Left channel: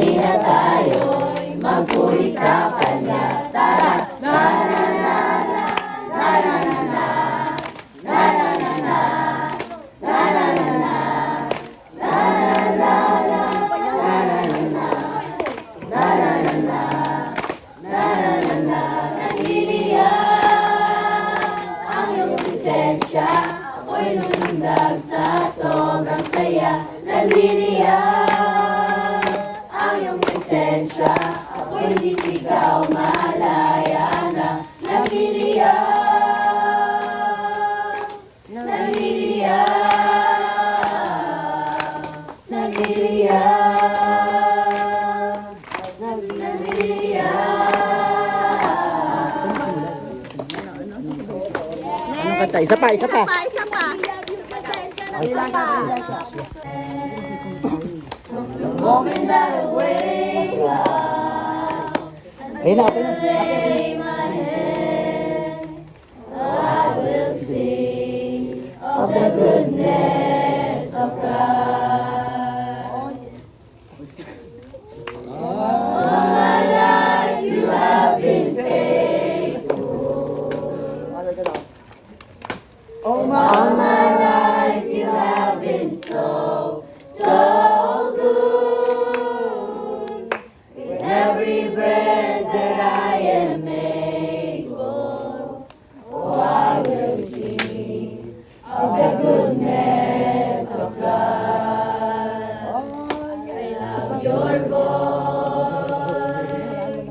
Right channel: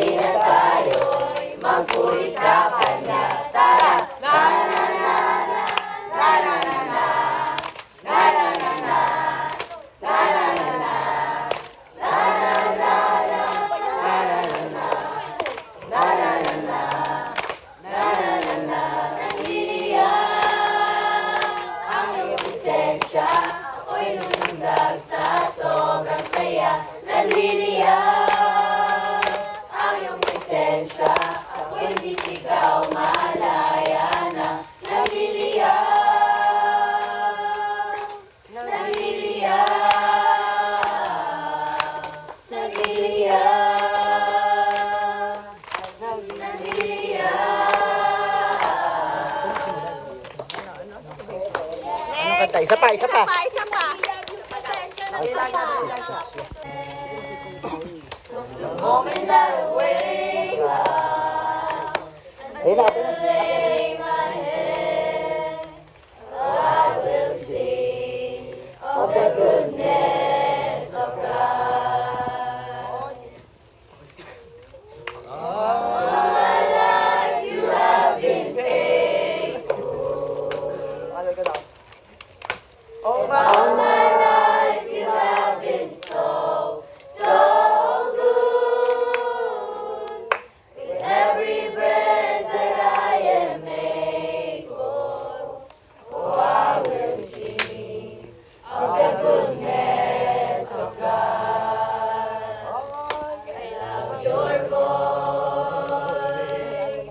halina tayo'y magpuri sa Kanya. Tara! La la la la, la la la la, la la la la, la la la la, la la la la, la la la la, la la la la. Naniliyan ang iyong presensya, ako'y lumundag sa sobrang saya. Naniliyan ang iyong presensya, ako'y sisigaw, malaya na. Naniliyan, naniliyan, naniliyan, naniliyan. Ano kanta? Isa pa, isa pa. Isa pa. The moment that I wake up and lay my head, I will sing of the goodness of God. All my life you have been faithful. All my life you have been so, so good. With every breath that I am able, oh, I will sing of the goodness of God. I love your voice.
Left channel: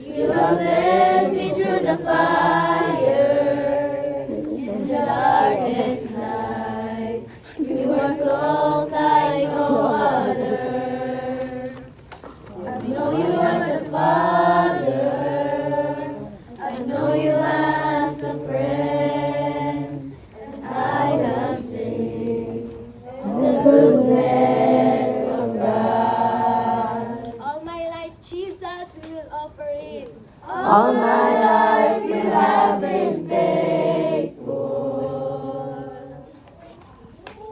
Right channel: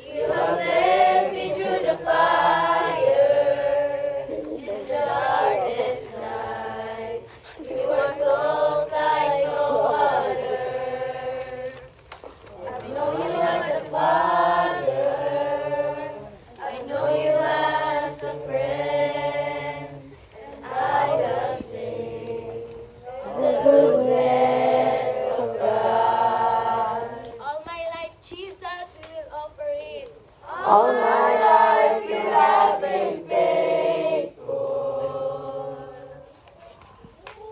You have led me through the fire in the darkest night. You are close like no other. I know you as a father. I know you as a friend. And I will sing of the goodness of God. All my life, Jesus, we will offer it. All my life you have been faithful.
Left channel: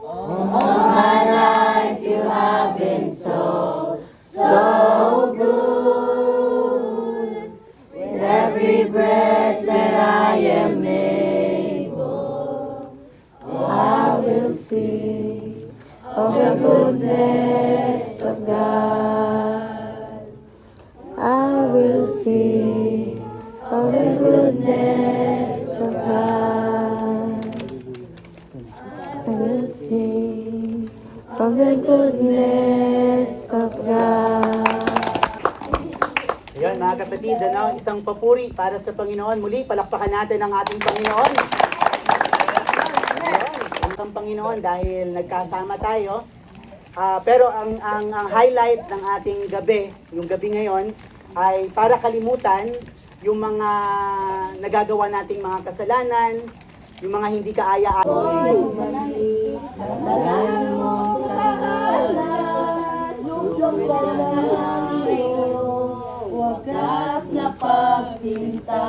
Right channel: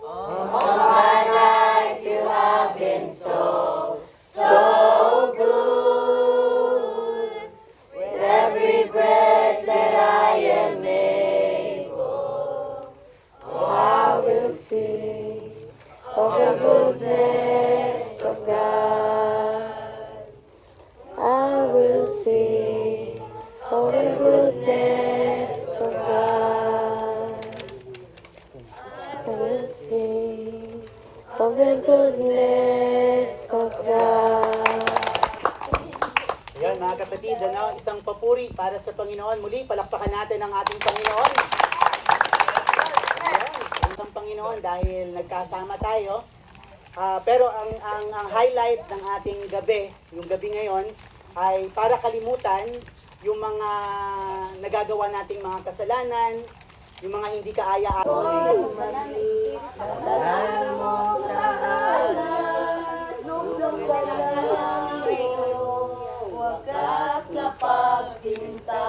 All my life you have been so, so good. With every breath that I am able, oh, I will sing of the goodness of God. I will sing of the goodness of God. I will sing of the goodness of God. Ayan mga kapatid, ano, isang papuri para sa Panginoon. Muli, palakpakan natin ang ating Panginoon. Ang Panginoon dahil nagkasama tayo. Pero ang highlight ng ating gabi, yung gabi ngayon, ay para kalimutan yung mga nagagawa nating mga kasalanan, yung mga hindi kaaya-aya. Wagas na pagsinta,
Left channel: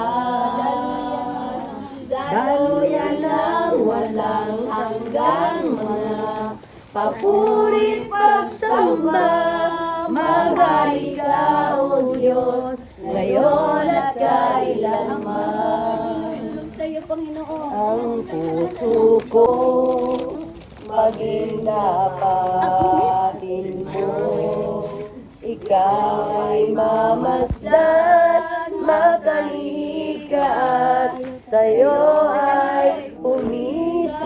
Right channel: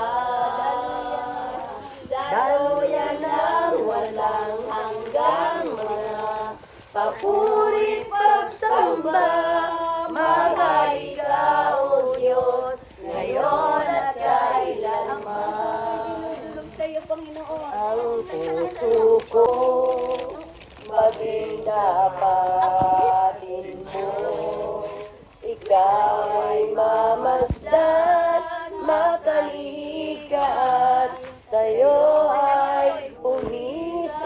daluyan ng walang hanggang mga papuri pagsamba. Magari ka, O Diyos, ngayon at kailanman. Ang puso ko maging ating Diyos. Ikaw ay mamasdan, magkalikat, sa'yo ay umisan.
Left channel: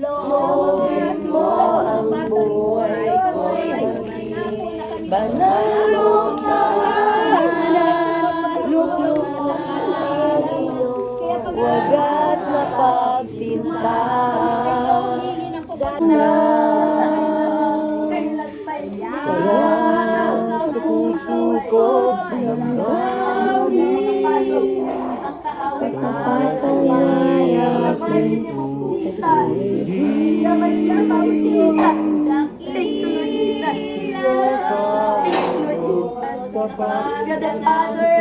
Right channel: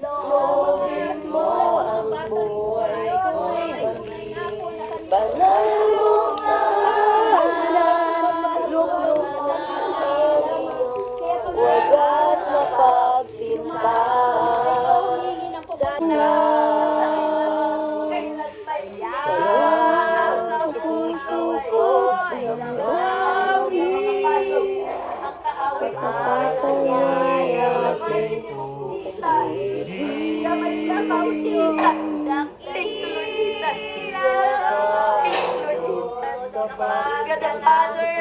Loobin mo ang buhay ko'y maging banalong tahanan. Luklukin wagas na pagsintahan. Kailan pa yan sa puso ko ang kaaway sa bahay. Gamay lang ako, Jesus. Thank you, Lord Jesus. Thank you, Lord Jesus. God the Father,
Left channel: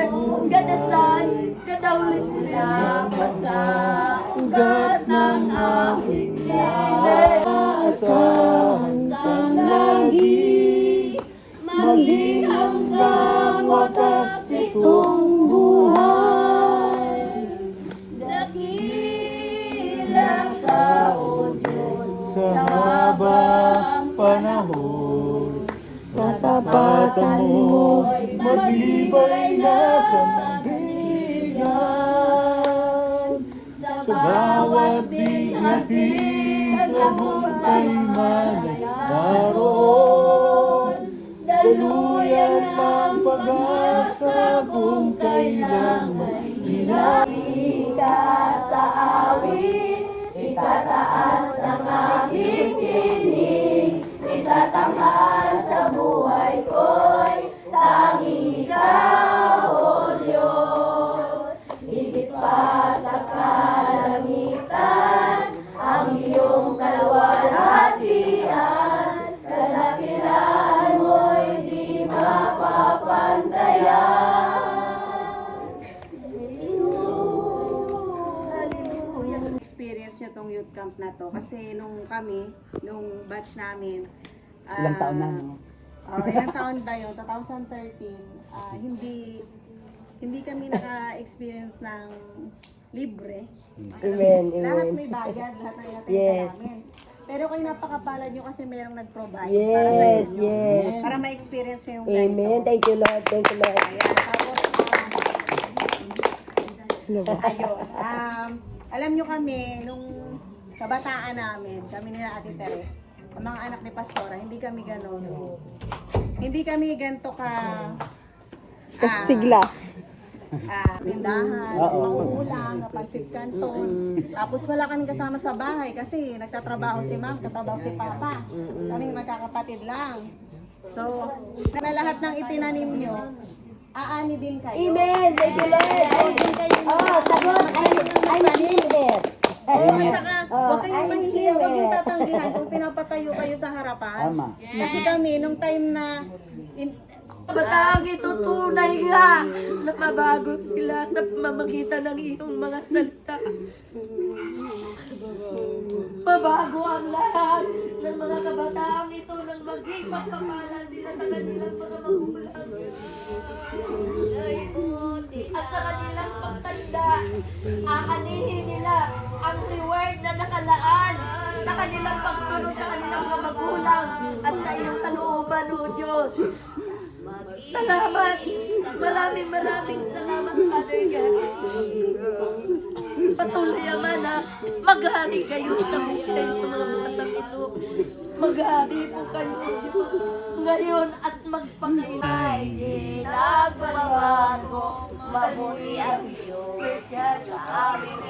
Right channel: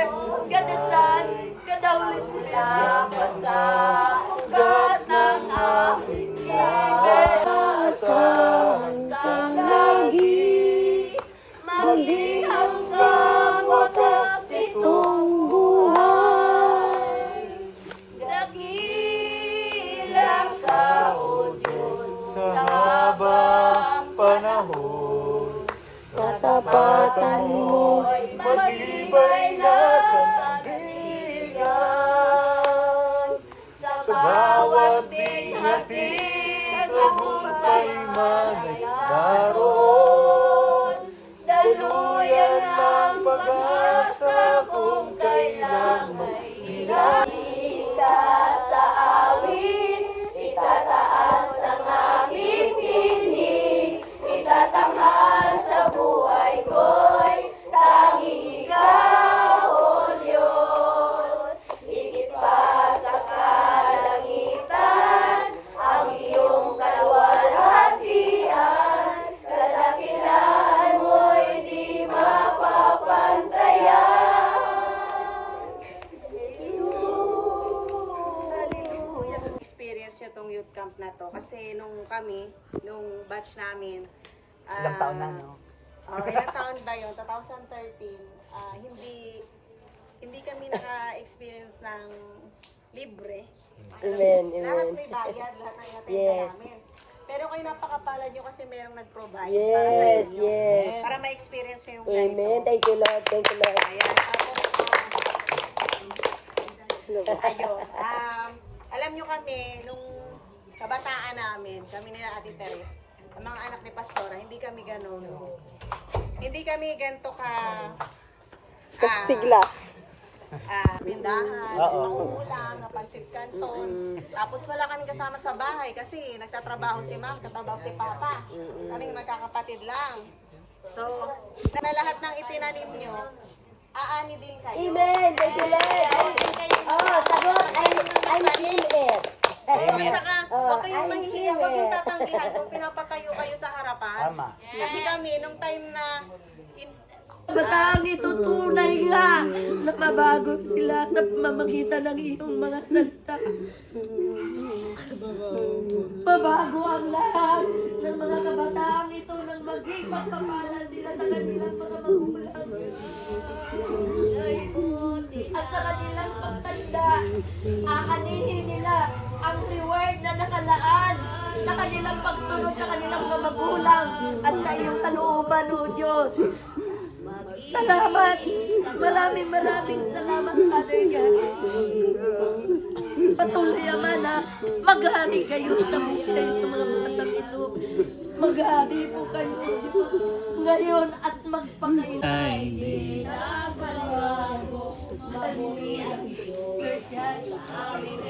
God the Son, God the Holy Spirit. Basta ugat ng aking life. Asahan ng langit. mo'y matibay na sandigan. Sa bawat binhati, tagumpay man ay naroon. Daluyan ang pag-asa kung kailan ay hinahika sa awit. Itataas ang aking tinig, itatanghal sa buhay ko'y tanging ikaw, O Diyos. Higit pa sa kalangitan, ang iyong kaluwalhatian, kadakilaan mo'y di mapapantayan. Experience nyo tong youth camp na to kasi nung batch namin Ilang taon na, no? ilang taon ba yun? 2013 hindi kami naka-experience ng libre. Alam mo, lahat may bayad, lahat ng inatenta namin. Pero kayo napakapalad nyo kasi merong nag-provide para sa inyo. Para ma-experience nyo yung ganito. Amen. Thank you, Lord. Thank you, Lord. Ayan, tapos ayun. Alam nyo kami, nung kabataan namin, kami nila Ate Tere, ang mga anak ni Pastora, hindi kami ganon. Hindi kami ganito ka sigla. Tindahan, mauulang, napansit kanton. Tapos wala kaming kasama sa bahay kasi nagtatrabaho si Ma'am, nagtatrabaho si Papa. Kaming magkakapatid lang. So, na lahat ng itinanim nyo, aani din kayo. Amen. Huwag din kayo magtanim. Oo, at saka, huwag kayong mahihiya, huwag yung tatanggihan kung pinapatayo kayo sa harapan. Tama. Kasi kami, nung time na Kabataan ito tunay nga na mabago sila sa pamamagitan ng iyong mga salita. Mabago ang lahat ng mga kabataan ito nang maging magpapala sila sa kanilang mga magulang. At sa kanilang pagtanda, aanihin nila ang reward na nakalaan sa kanilang pagsunod sa kanilang mga magulang at sa iyong kalooban, O Diyos. Salamat! Maraming salamat, Father God. Patuloy naman na maghari kayo sa buhay ng mga batang ito. Maghari po kayo, Diyos, ngayon at magpakainay. Ginagawa ko, mabuti ang Diyos. Sa aming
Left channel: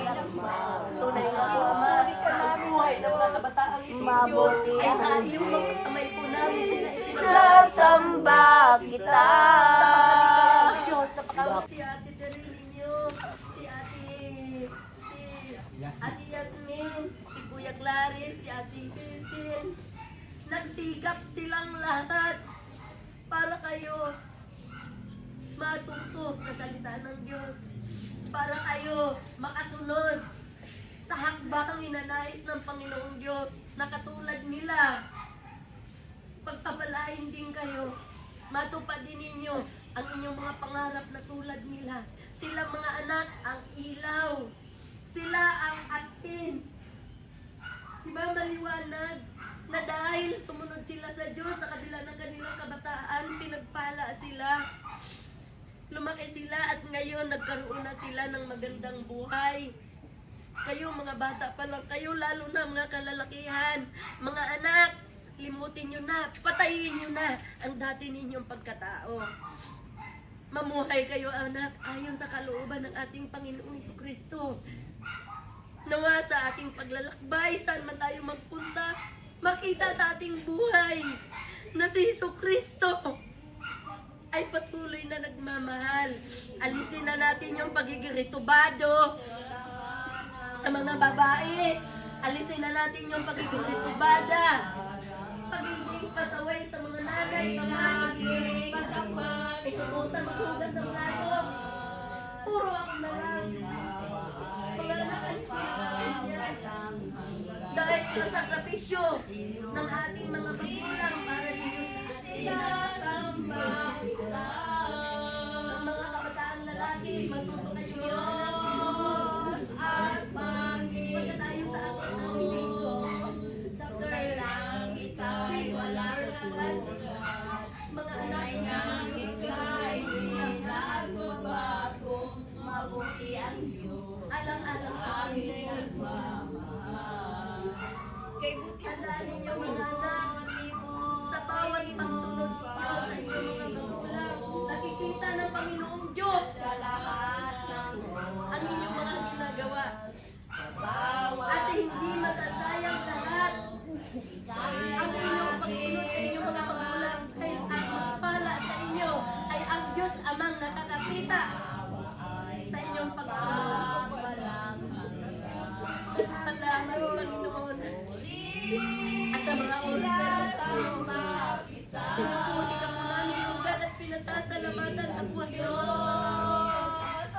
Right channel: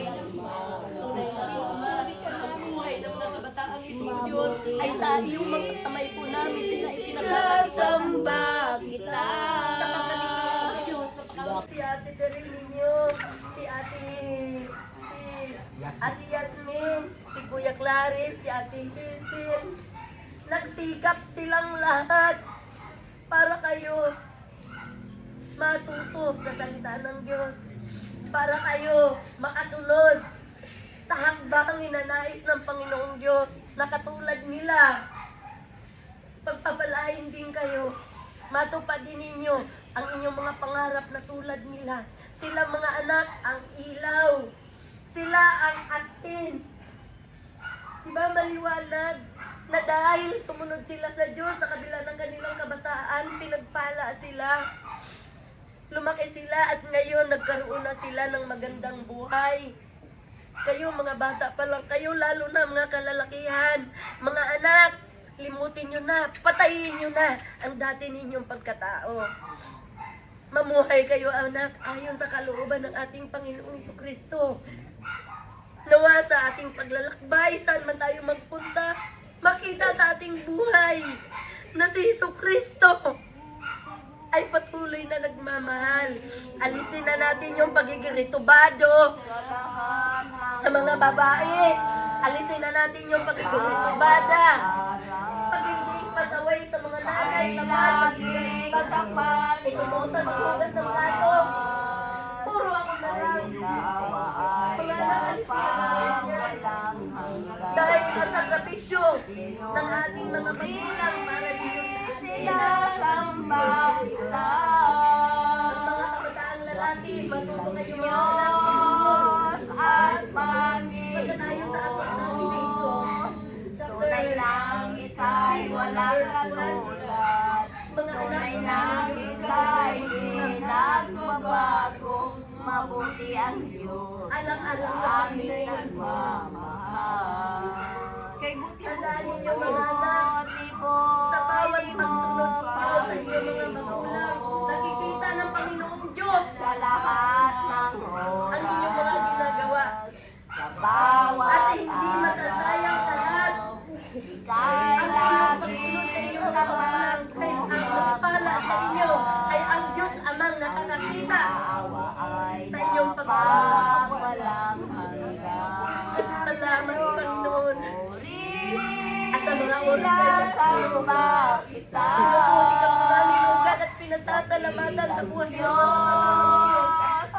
tunay na po, Ama, ang buhay ng mga kabataang ito, Diyos, ay sa iyong mga kamay po namin sila itinasamba kita. Sapagkat ikaw ang Diyos, napakawag si Ate Teril ninyo, si Ate Yasmin, si Kuya Clarice, si Ate Cecil. Nagsikap silang lahat para kayo matuto sa salita ng Diyos. Para kayo makasunod sa hakbang inanais ng Panginoong Diyos na katulad nila. Pagpapalain din kayo. Matupad din ninyo ang inyong mga pangarap na tulad nila. Sila mga anak, ang ilaw. Sila ang asin. Diba maliwanag na dahil sumunod sila sa Diyos sa kabila ng kanilang kabataan, pinagpala sila. Lumaki sila at ngayon nagkaroon na sila ng magandang buhay. Kayo mga bata pa lang kayo, lalo na mga kalalakihan, mga anak, limutin nyo na, patayin nyo na ang dati ninyong pagkatao. Mamuhay kayo anak ayon sa kalooban ng ating Panginoong Jesucristo. Nawa sa ating paglalakbay, saan man tayo magpunta, makita sa ating buhay na si Jesucristo ay patuloy na nagmamahal. Alisin na natin yung pagiging ritubado sa mga babae. Alisin na natin yung pagiging ritubada. Pagiging pasaway sa mga nanay, pagiging pagtakpak, itutusan maghugas ng plato. Puro ako na lang. Mga anak, alisin na natin. Dahil sa sakripisyo ng ating mga magulang para dito sa atin. Ang mga kabataang lalaki, matuto kayo at Panginoon. Pagka tayo sa ating nomination, chapter lang itay wala kasulat. Mga anak na aming nagmamahal. Kay buti Tandaan ninyo mga anak, sa bawat pagsunod po sa inyong mga magulang, nakikita ng Panginoong Diyos sa lahat ng ang inyong mga ginagawa. bawat At hindi masasayang sa lahat ang inyong pagsunod sa inyong mga magulang. Kaya ang nagpala sa inyo ay ang Diyos amang nakakakita sa inyong pagsunod. walang hanggan. Salamat, Panginoon. At sa mga oras na ito, Kita pinupunin ka po namin ugad at pinasasalamatan sa buhay niyo.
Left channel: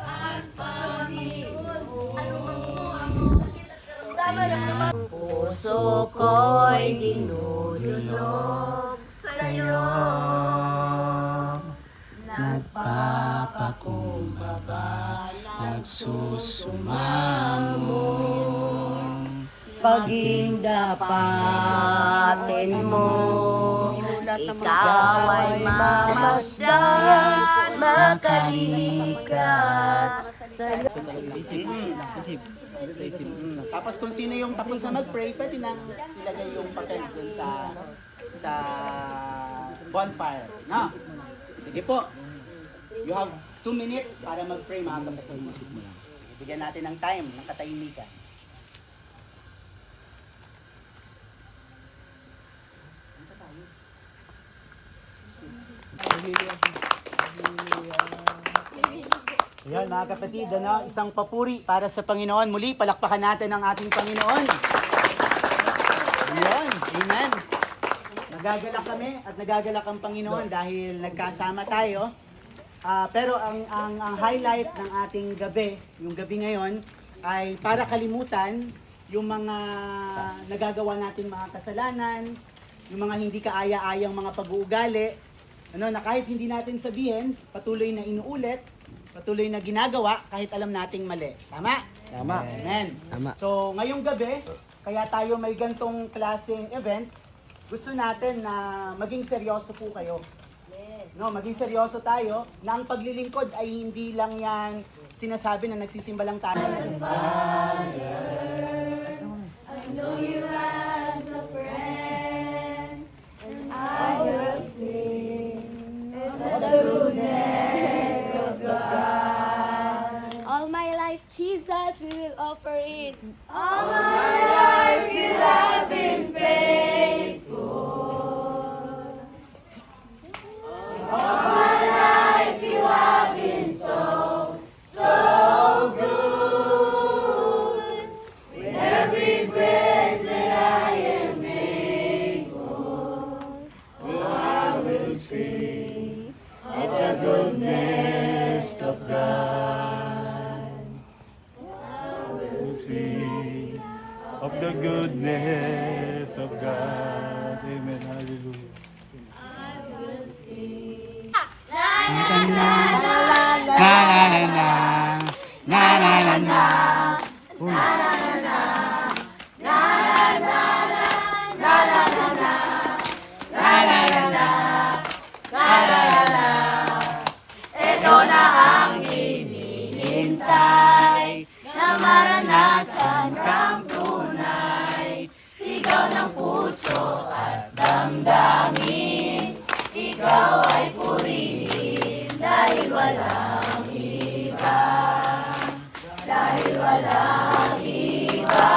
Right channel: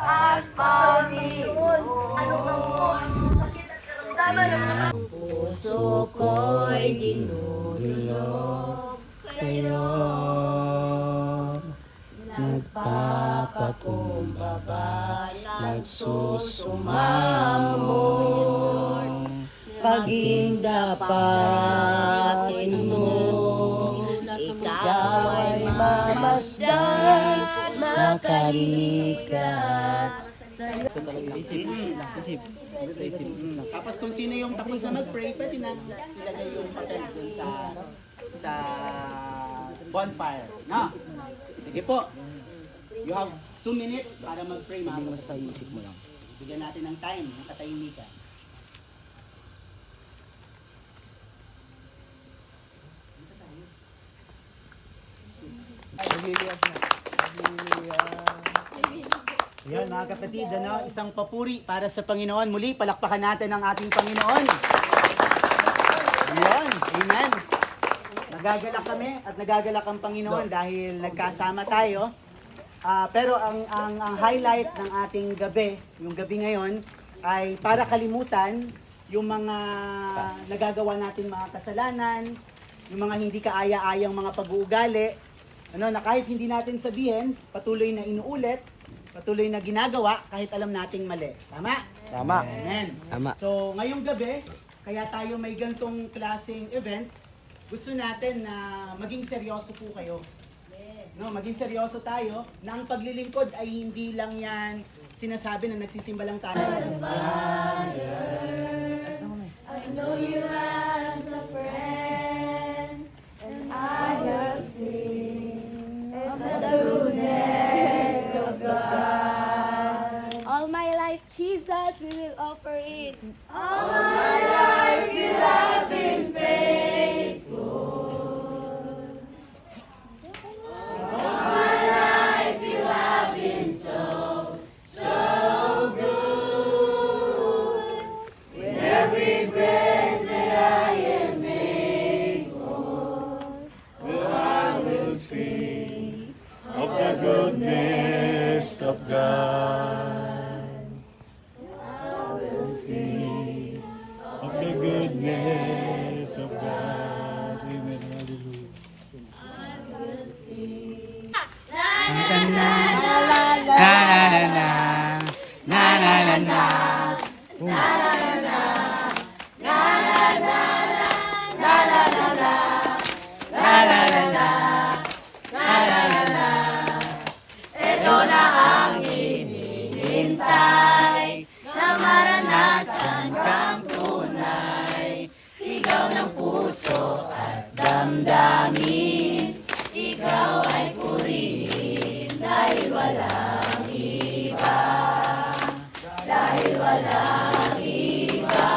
at Panginoon, ano man po ang sakit at karamdaman ng mga puso ko'y dinudulog sa'yo. Nagpapakumbaba, nagsusumamon, paging dapatin mo. Ikaw ay mamasdan, makalilikat sa Tapos kung sino yung tapos na mag-pray, pwede na ilagay yung papel dun sa bonfire. No? Sige po. You have 2 minutes para mag-pray, mga kapatid. Isip mo lang. Bigyan natin ng time, ng katahimikan. Ayan mga kapatid, isang papuri para sa Panginoon. Muli, palakpakan natin ang ating Panginoon. Ayan, amen. Nagagalak kami at nagagalak ang Panginoon dahil nagkasama tayo. Pero ang highlight ng ating gabi, yung gabi ngayon, ay para kalimutan yung mga nagagawa nating mga kasalanan, yung mga hindi kaaya-ayang mga pag-uugali, na kahit hindi natin sabihin, patuloy na inuulit, patuloy na ginagawa kahit alam nating mali. Tama? Tama. Amen. Tama. So, ngayong gabi, kaya tayo may gantong klaseng event, gusto natin na maging seryoso po kayo. No, maging seryoso tayo na ang paglilingkod ay hindi lang yan sinasabi na nagsisimba lang tayo. I know you as a friend, and I will sing of the goodness of God. All my life, Jesus, we will offer it. All my life, you have been faithful. All my life, you have been so good. With every breath that I am able, I will sing Of the goodness of God. I will Sing of the goodness of God. Amen. Hallelujah. Ito na ang hinihintay, na maranasan kang tunay. Sigaw ng puso at damdamin, ikaw ay purihin dahil walang iba. Dahil walang iba.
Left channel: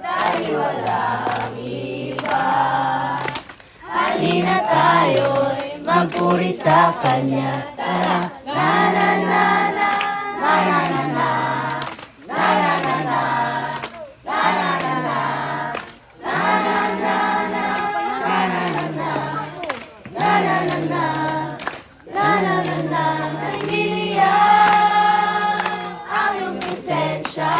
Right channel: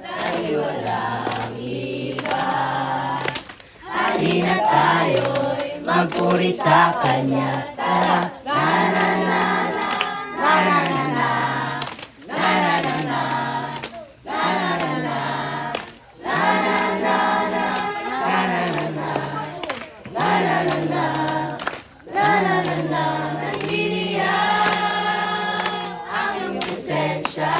Dahil walang iba. Halina tayo'y magpuri sa Kanya. Tara, na na na na, na na na na, na na na na, na na na na, na na na na, na na na na, na na na na, nanghihiyang ang iyong presensya.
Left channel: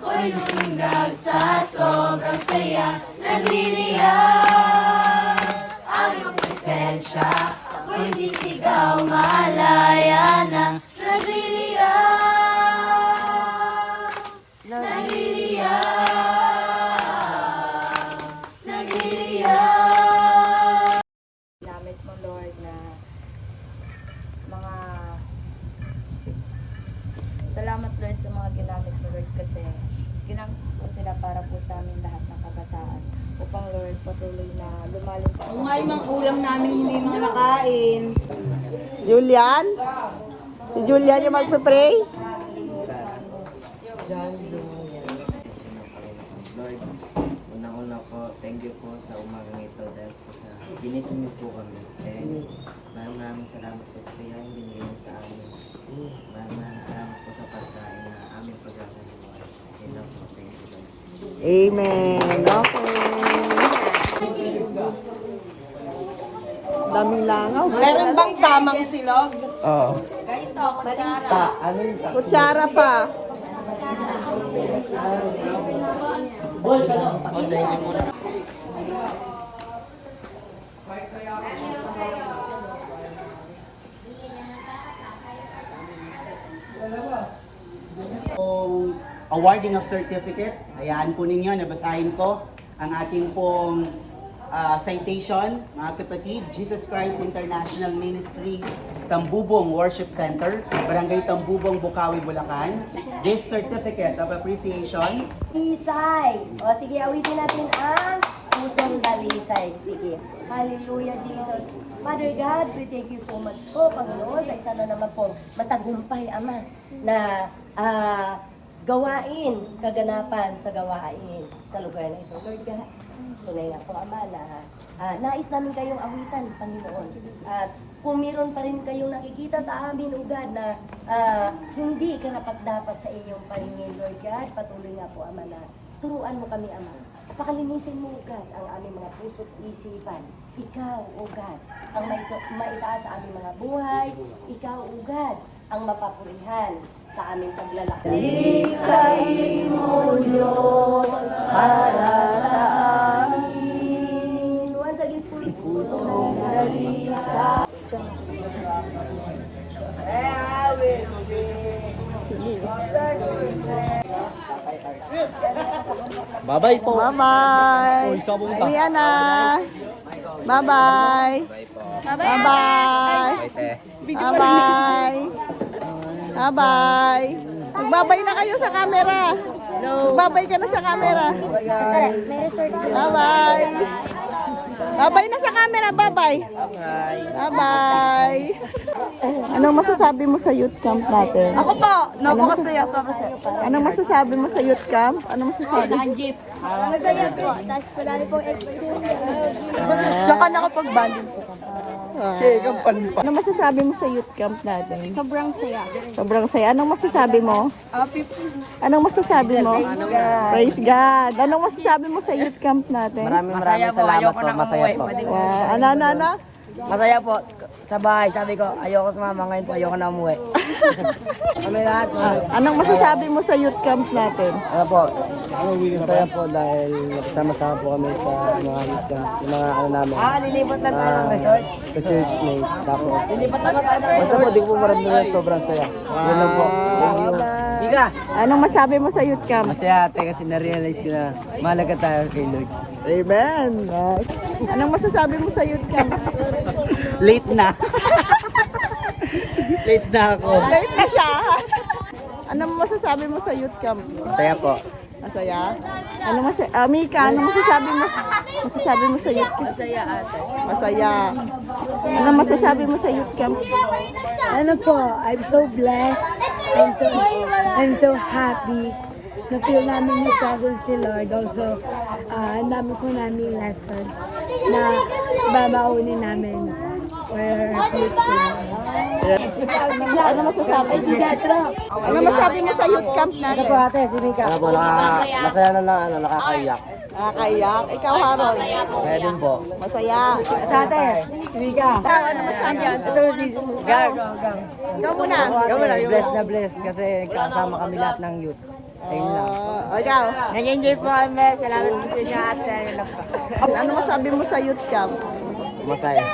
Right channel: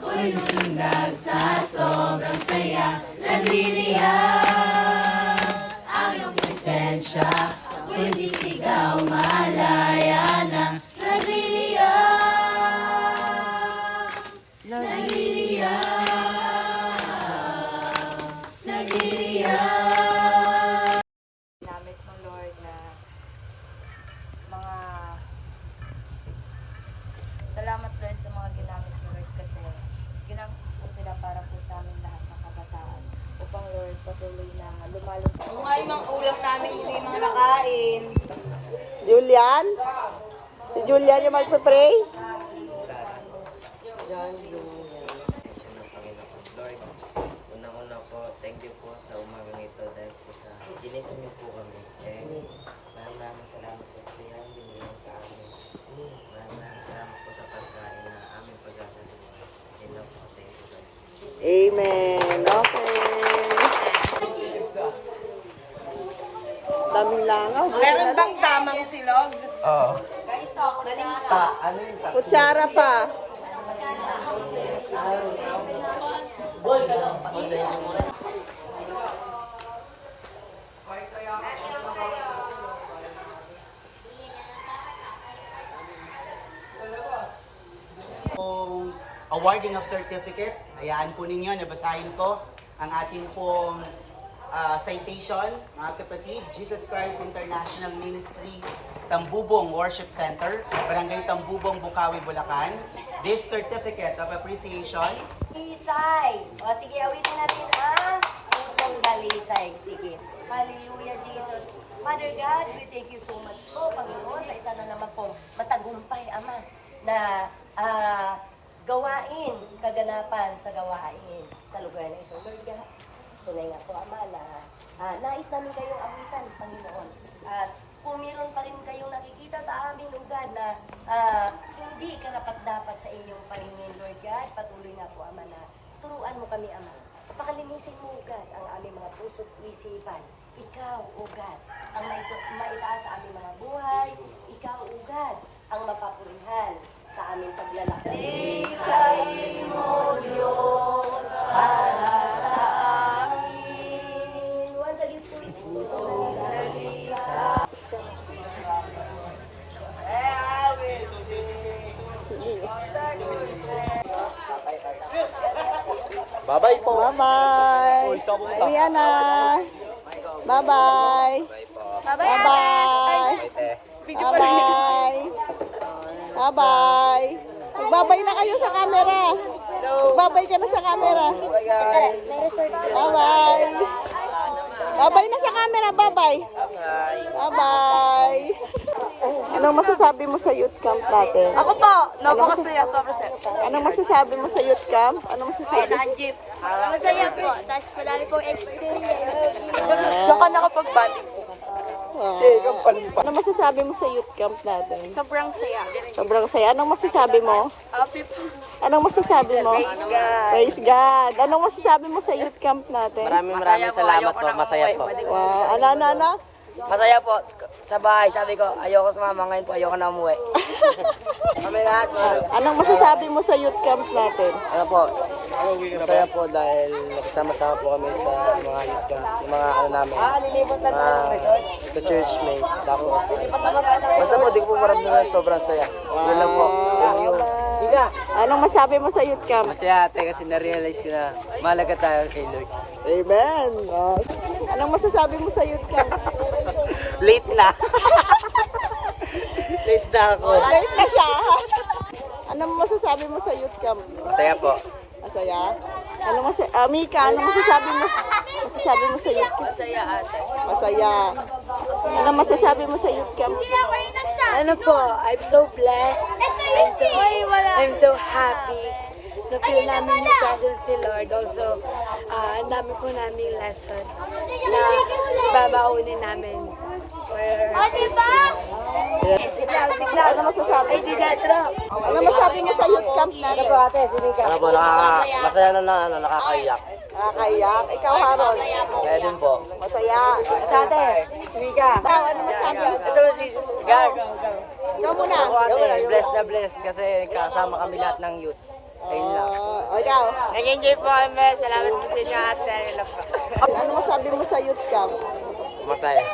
Ako'y lumundag sa sobrang saya. Nanghihiyang ang iyong presensya. Ako'y sisigaw, malaya na. Nagliliyang, nagliliyang, nagliliyang. Ginamit mo, Lord, na mga salamat, Lord, sa mga ginamit ginamit mo, Lord, kasi ginamit po sila para po sa amin lahat ng kabataan. Upang, Lord, patuloy na lumalabas. Yung nga yung mga ulam namin hindi mga nakain. Julian? Si Julian yung magpapray? Lord, unang-una po, thank you po sa umagang ito dahil po sa ginising niyo po kami. And maraming salamat po sa iyong binigay mo sa amin. Maraming salamat po sa pagkain na aming pagkakaluwa. Yan lang po, thank you Lord. Amen. Meron bang tamang silog? Oo. Balita. Ano yung Kutsara pa. Pong awarding of certificate. Hayaan po ninyo, nabasahin ko ang ating pong citation, mga kapatid, Jesus Christ International Ministries, Tambubong Worship Center, Barangay Tambubong, Bukawi, Bulacan. This certificate of appreciation Dalisay. O sige, awitin natin ang pusong dalisay. Sige. Hallelujah, Jesus. Father God, we thank you so much po, Panginoon, sa isa na naman pong matagumpay, Ama, na gawain, kaganapan sa gawain sa lugar na ito. Lord God, tunay nga po, Ama, na nais namin kayong awitan, Panginoon. At kung meron pa rin kayong nakikita sa amin, O God, na hindi karapat-dapat sa inyong paningin, Lord God, patuloy nga po, Ama, na turuan mo kami, Ama. Pakalinisin mo, God, ang aming mga puso't isipan. Ikaw, O God, ang maitaas sa aming mga buhay. Ikaw, O God, ang mapapurihan sa aming paglalakbay. Likhain mo, Diyos, para sa amin. Once again, pusong dalisay. Bye-bye po. Bye-bye. Uy, sabon ka. Ayan na. Bye-bye. Bye-bye. Bye-bye. Bye-bye. Magbabay na kayo sa camera. Magbabay ka na sa camera. Bye-bye. Bye-bye na sa camera. Bye-bye. Bye-bye. Ano masasabi mo sa youth camp natin? Ako po, napakasaya, sobrang saya. Ano masasabi mo sa youth camp? Ano masasabi? Masaya po, tapos madami pong experience. Tsaka nakapag-banding po. Ano masasabi mo sa youth camp natin? Sobrang saya. Sobrang saya. Anong masasabi mo? Anong masasabi mo? Praise God. Anong masasabi mo sa youth camp natin? Maraming salamat po, masaya po. Ano? Masaya po. Sa bahay, sabi ko, ayoko sumama ngayon po, ayoko na umuwi. Kami lahat po. Anong masasabi mo sa youth camp natin? Ano po, masaya po dahil nakasama-sama po kami sa mga youth camp, yung mga ano namin, ka-churchmate. Tapos, basta po, di ko po maramdaman sobrang saya. Yan lang po. Thank you. Anong masabi mo sa youth camp? Masaya ate kasi na-realize ko na mahalaga tayo kay Lord. Amen. Anong masasabi mo sa youth camp? Late na. Late na ako. Late na siya. Anong masasabi mo sa youth camp? Masaya po. Masaya? Mika, anong masasabi mo? Masasabi mo sa youth camp? Masaya ate. Masaya. Anong masasabi mo sa youth camp? Ano po, I'm so blessed. I'm so happy. Na-feel namin yung presence ni Lord. Also, ang dami po namin lesson na babaunin namin for our future. Ano masasabi mo? Ano masasabi mo sa youth camp na? Ano po, masaya na nakakaiyak. Nakakaiyak. Ikaw, Harold. Masaya din po. Masaya. Ate. Mika. Ito si Gang. Ikaw muna. Bless na bless kasi kasama kami lahat ng youth. Ayun lang. Ikaw. Nag-enjoy po kami. Salamat kasi niya ate. Ano masabi mo sa youth camp? Masaya.